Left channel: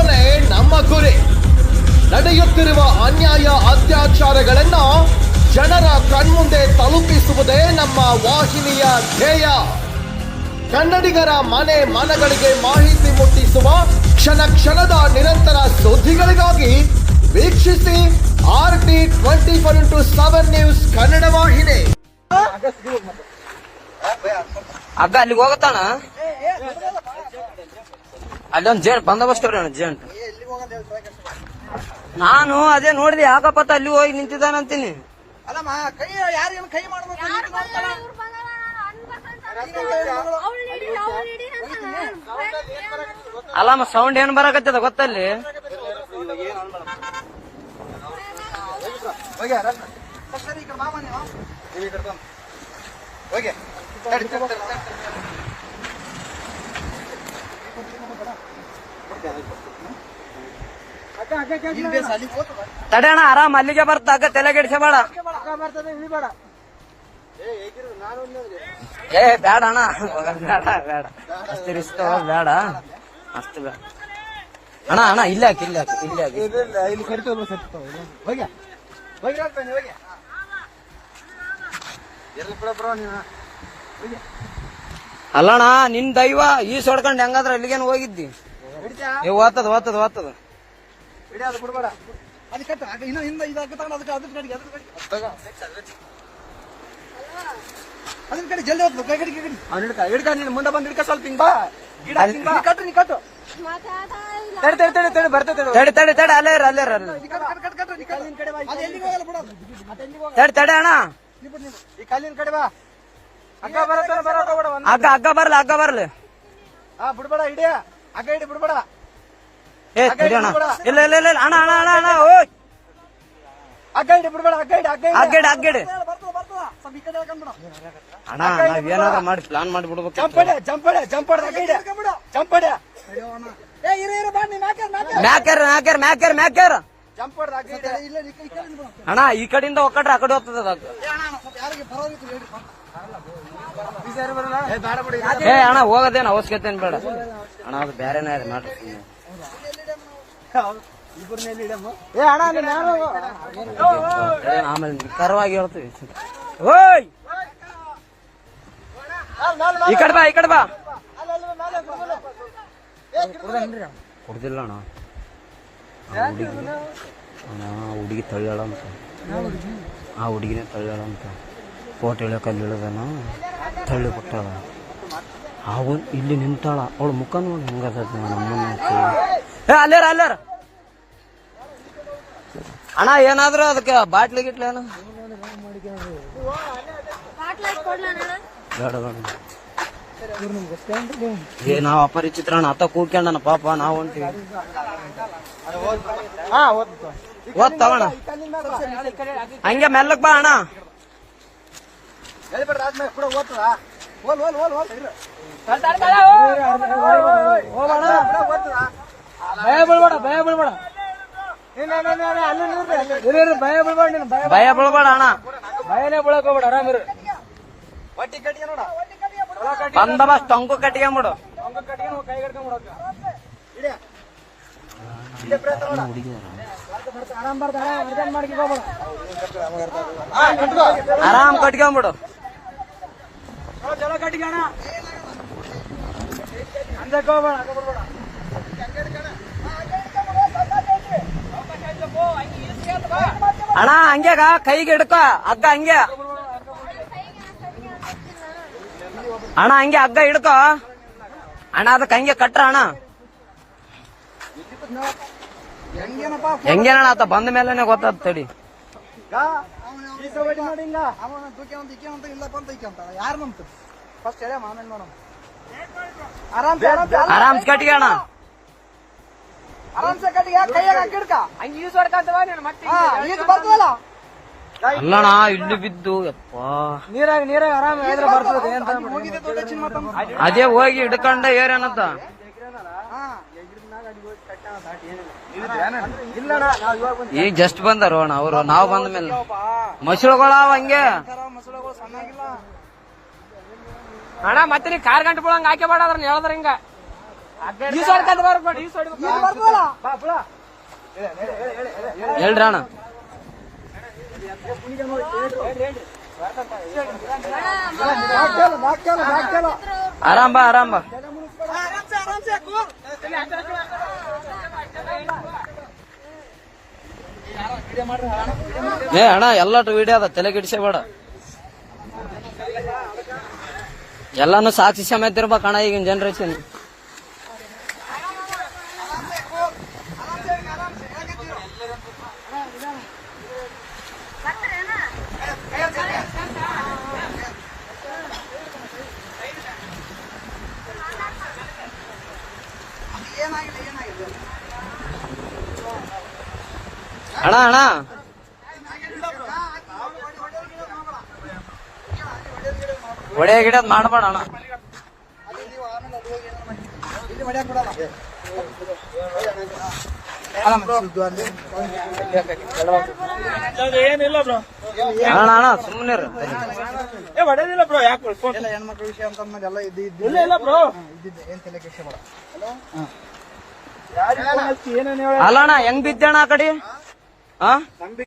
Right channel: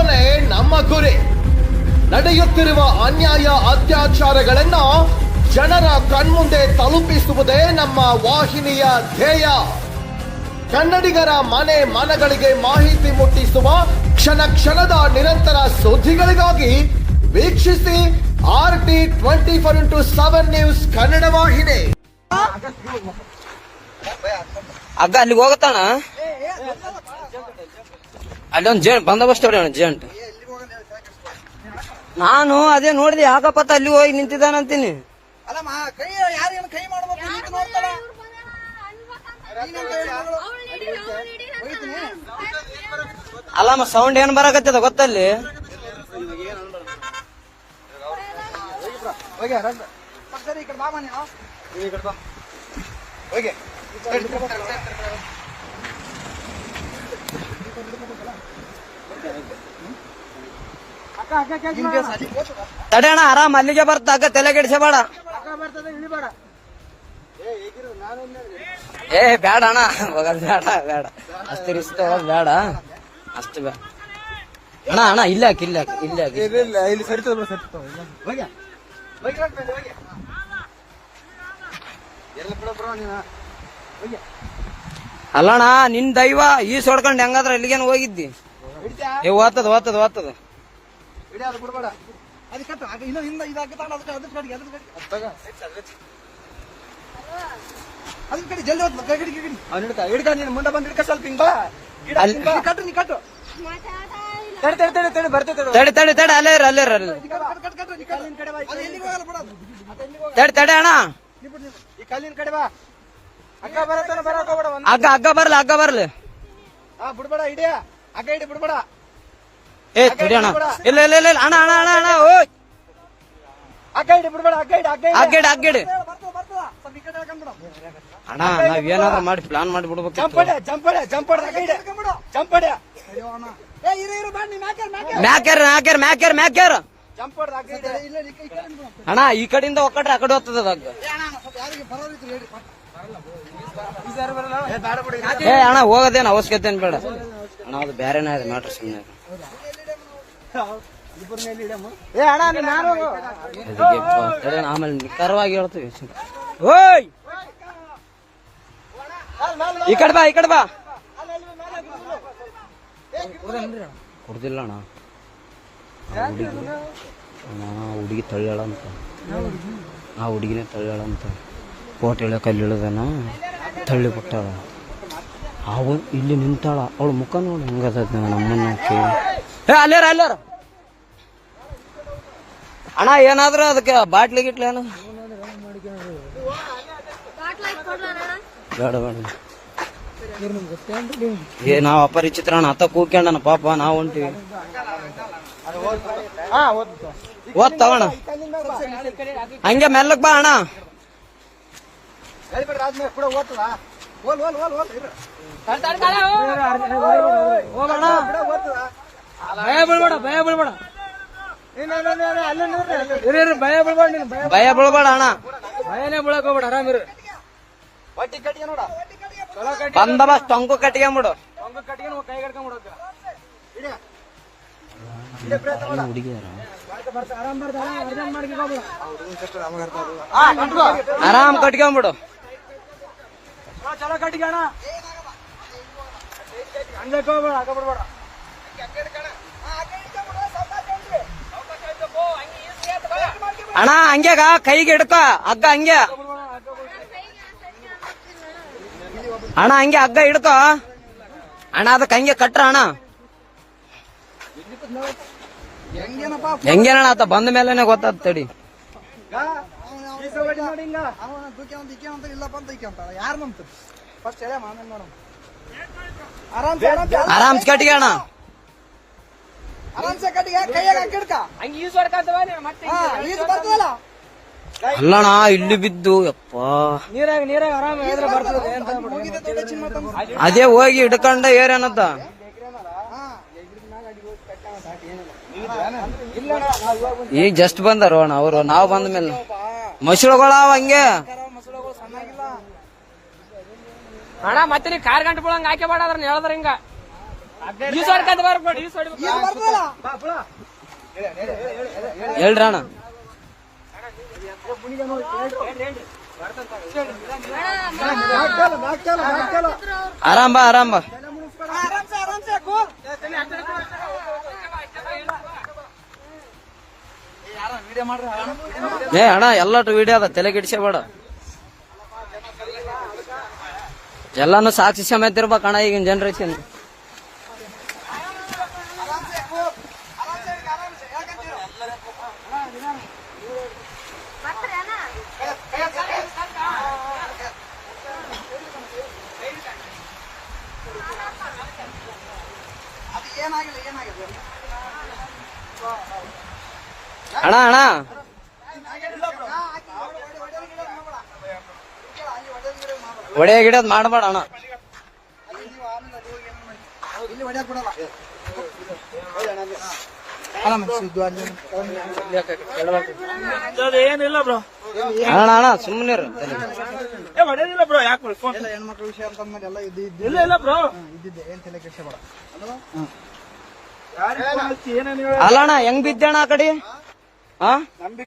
ಉಳಿಸುವನೇ ನಮ್ಮ ಗುರಿ. ನಡೆಯುತ್ತಿರುವ ಅನ್ಯಾಯ ಅತ್ಯಾಚಾರಗಳನ್ನ ಜನರ ಕಣ್ಮುಂದೆ ತಲುಪಿಸುವುದೇ ನಮ್ಮ ವಾಹಿನಿಯ ಧ್ಯೇಯ. ಕನ್ನಡಿಗರ ಮನೆ ಮನಗಳಿಗೆ ಮಾಹಿತಿ ಮುಟ್ಟಿಸುವ ಕ್ಷಣ ಕ್ಷಣದ ನಿರಂತರ ಸುದ್ದಿಗಳಿಗಾಗಿ ವೀಕ್ಷಿಸಿ RT24x7 ನ್ಯೂಸ್ ಕನ್ನಡ ವಾಹಿನಿ. ಅಗ್ಗ ಅಲ್ಲಿಗೆ ಹೋಗತ್ತಾನ ಅಲ್ಲೊಂದು ಜೇಂಟ್ ಬಂದೋಬಸ್ತ್ ಜೇಂಟ್. ನಾನು ಅದೇ ನೋಡಿದೆ ಯಾಕಪ್ಪತ್ತ ಅಲ್ಲಿ ಹೋಗಿ ನಿಂತಿದ್ದಾನಂತೀನಿ. ಅಲ್ಲಮ್ಮ ಸೌಂಡ್ ಏನ್ ಬರಕತ್ತದ ಗೊತ್ತಲ್ಲಿ. ತಡೆಯಣ ಆರಾಮ್ ಅಲ್ಲಿಗೆ ಬರ್ತ ಅಗ್ಗ ತಲೆ ಕೆಡಿಸಬೇಡ. ಏ ಬೇಡ ಅಣ್ಣ ಬೇಡ ಬೇಡ ಅಷ್ಟು ರಿಸ್ಕ್ ತಗೋದ್ ಬೇಡ ಅಷ್ಟು ಬೇಡ ಅಣ್ಣ. ಅಣ್ಣ ಇಲ್ಲ ಇಲ್ಲ ಇಲ್ಲ ಅಲ್ಲಣ್ಣ ನಿನ್ ದೈವ ಈ ಸೊಡ್ಕೊಂಡ್ ಹೆಂಗಾದ್ರ ಎಲ್ಲಿಗೇನು ಹೋಗಿದ್ದಿ. ಓದ್ತದ ಓದ್ತದ ಓದ್ತದ ಮುಂದೆ ಬಂದ್ ಹಿಡ್ಕ ಸ್ವಲ್ಪ ಹಿಂಗ್ ಬಾ ಕಟ್ರಿ ನೀ ಕಟ್ಟು ತಡೆ ತಡೆ ತಡೆ ಅಲ್ಲೇ ಅಲ್ಲೇ ತಡೆ ತಡೆ ಅಣ್ಣ ಈ ಕಲ್ಲಿನ ಕಡೆ ಬಾ. ಅಗ್ಗ ಬರತ್ತಾನ ಬರಕ್ ಹೋಗ್ಬೇಡ. ಅಗ್ಗ ಅಗ್ಗ ಬರ್ಲಿ ಅಗ್ಗ ಬರ್ಲಿ. ಬಿಡ್ಬೇಡ ಹಿಡಿಯ ಅಗ್ಗ ಹಿಡಿ ಬಿಡ್ಬೇಡ. ಏ ತಡಿ ಅಣ್ಣ ಇಲ್ಲ ಇಲ್ಲ ಇಲ್ಲ ಅಣ್ಣ ಅಣ್ಣ ಅಣ್ಣ ಅಣ್ಣ ಅಗ್ಗ ಹಿಡಿ ಬಿಡ್ಬೇಡ. ಅಗ್ಗ ಹಿಡಿ ಅಗ್ಗ ಅಗ್ಗಡಿ ಅಗ್ಗಡಿ ಅಣ್ಣ ನಾವೇನಾದ್ರೂ ಮಾಡಿ ಪ್ಲಾನ್ ಮಾಡಿ ಬಿಡ್ಬೇಕು. ಜಂಪಡೆ ಜಂಪಡೆ ಜಂಪಡ ಅಗ್ಗ ಹಿಡಿ ಜಂಪಡೆ ಮ್ಯಾಕ್ಯಾರ ಮ್ಯಾಕ್ಯಾರ ಮ್ಯಾಕ್ಯಾರ ಮ್ಯಾಕ್ಯಾರ ಜಂಪಡ ಅಗ್ಗ ಹಿಡಿ. ಅಣ್ಣ ಈ ಕಡೆಯಿಂದ ಒಕ್ಕಟ್ರೆ ಆ ಕಡೆ ಹೋಗ್ತದೆ ಅಗ್ಗ. ಏ ಅಣ್ಣ ಹೋಗೋದೇನು ಅವಶ್ಯಕತೆ ಏನ್ ಬೇಡ ಅಣ್ಣ, ಅದು ಬೇರೆನೇ ಇದೆ ಮ್ಯಾಟ್ರ್. ಸುಮ್ಮನೆ ಆಮೇಲೆ ಕರವಾಗಿ ಹೇಳ್ತೀವಿ. ಓಯ್ ಈ ಕಡೆ ಬಾ ಈ ಕಡೆ ಬಾ. ಕೊಡ್ದಿಲ್ಲ ಅಣ್ಣ ಹುಡುಗಿ ತಳ್ಳ್ಯಾಳ ಅಂತ. ಆ ಹುಡುಗಿನೇ ತಳ್ಳ್ಯಾಳ ಅಂತ. ಕೋಟೆ ಇಳಿಯಕ್ಕೆ ಅಲ್ಲಿ ಇಳಿದಾನ ತಳ್ಳಿ ಬಿಟ್ಟಾಳ. ಅವು ಇಲ್ಲಿ ನಿಂತಾಳ. ಅವಳು ಮುಖ ನೋಡಿ ಹೆಂಗದ ನಮ್ಮನ್ನ ಅಲ್ಲಾರ ಅಲ್ಲಾರ ಅಣ್ಣ ಏನಾದ್ರು ಅದಕ್ಕೆ ಬಾಟ್ಲಿ ಗಿಟ್ಲಿ ಏನು ಬೇಡ ಬೇಡ. ಏ ನಾವ್ ಅಪರಿಚಿತ್ರ ಅಣ್ಣ ಅತ್ತ ಕೂಗ್ಕೊಂಡನ ಪಾಪ ನಾವು ಹೊಂಟಿವಿ. ಓದ್ತಾವಣ್ಣ ಹಂಗೆ ಮೆಲ್ಲಕ್ ಬಾ ಅಣ್ಣ. ಭಯ ಬೀಳ್ಬೇಡ ಭಯ ಬೀಳ್ಬೇಡ ಭಯ ಬೀಳ್ಬೇಡ ಭಯ ಬೀಳ್ಬೇಡ ಅಣ್ಣ. ಭಯನೇ ಬೀಳಕ್ ಹೋಗ್ಬೇಡ ಆರಾಮಿರು. ಬಟ್ಟಿ ಕಟ್ಟಿಗೆ ನೋಡ ಬಂದೋಬಸ್ತ್ ಅಂಕು ಕಟ್ಕೊಂಬಿಡು. ಆರಾಮ್ ಕಟ್ಕೊಂಬಿಡು. ಚಲೋ ಕಟ್ಟಿಗೆ ಹಂಗಕ್ಕೆ ಹೋಗ್ಬೇಡ ಆಗ ಬಿಡ್ಬೇಡ. ಅಣ್ಣ ಹಂಗ್ಯಾಗ ಕೈಗೆ ಹಿಡ್ಕ ಹಗ್ಗ ಹಂಗೆ ಅಣ್ಣ ಹಂಗೆ ಹಗ್ಗ ಹಿಡ್ಕ ಅಣ್ಣ ಅದಕ್ಕೆ ಹಂಗೆ ಕಟ್ರ ಅಣ್ಣ. ಹೆಂಗೇನಣ್ಣ ಆತ ಬಂದ ಮೇಲೆನೆ ಗೊತ್ತಾದ ತಡಿ. ಯಾರು ನಂಬ್ತ ಫಸ್ಟ್ ಹೇಳ ಆಮೇಲೆ ನೋಡ. ಆರಾಮ್ಸ್ ಕಟ್ಟಿಗೆ ಅಣ್ಣ ಆರಾಮ್ಸೆ ಕಟ್ಟಿಗೆ ಕೈಯಾಗ ಹಾಕಿಡ್ಕ ಹಂಗೆ ಈಸ್ ಹೊಡ್ಕಂತವ ಈಸ್ ಬರ್ತದಲ್ಲ. ಅಲ್ಲಣ್ಣ ಇಲ್ಲಿ ಬಿದ್ದು ಯಪ್ಪ ನೀರಾಗ ನೀರಾಗ ಆರಾಮ ಬರ್ತದೆ. ಅದೇ ಹೋಗಿ ಹಿಡ್ಕೊಂಡ ಏರೇನತ್ತ. ಈಗ ಜಸ್ಟ್ ಬಂದಾರ ಅಣ್ಣ ಅವರು. ನಾವು ಬಂದ ಮೇಲೆ ಮಸೂಳುಗಳ ಹಂಗೆ ಅಣ್ಣ ಮತ್ತೆ ನೀ ಕಾರ್ ಗಂಟೆ ಬಿಡಂಗ ಹಾಕಿ ಬೇಡ ಅದ್ರ ಹೇಳ್ದ್ರ ಹಿಂಗ ಈ ಸೈಡ್ ಕಟ್ ಬರ್ಬೇಡ ಈ ಸೈಡ್ ಬಾ ಬುಳ ಹೇಳ್ರಿ ಅಣ್ಣ ಆರಾಮ್ ಬಾ ಆರಾಮ್ ಬಾ ಏ ಅಣ್ಣ ಎಲ್ಲಟು ವಿಡಿಯೋ ಅದ ತಲೆ ಕೆಡಿಸಬೇಡ ಎಲ್ಲಾನು ಸಾಕ್ಷಿ ಸಮೇತ ಇರ್ಬೇಕು ಅಣ್ಣ ಈಗಿನ ಜನರೇಷನ್ ಅಣ್ಣ ಅಣ್ಣ ಒಡೆ ಗಿಡದ್ ಮಾಡಬೇಡ ಅಣ್ಣ ಏನಿಲ್ಲ ಬ್ರೋ ಅಣ್ಣ ಅಣ್ಣ ಸುಮ್ಮನೆ ಹೊಡೆದಿಲ್ಲ ಬ್ರೋ ಯಾಕೆ ಹೆಣ್ಮಕ್ಳ ವಿಷಯ ಅಂತ ಎಲ್ಲ ಇಲ್ಲ ಇಲ್ಲ ಬ್ರೋ ಇದ್ದಿದ್ದೆ ಏನ್ ತಲೆ ಕೆಡಿಸ ಬೇಡ. ಏನೇನು ಅಲ್ಲ ಅಣ್ಣ ಹೆಂಗ್ ಬಿದ್ದಣ್ಣ ಆ ಕಡೆ ಹಾ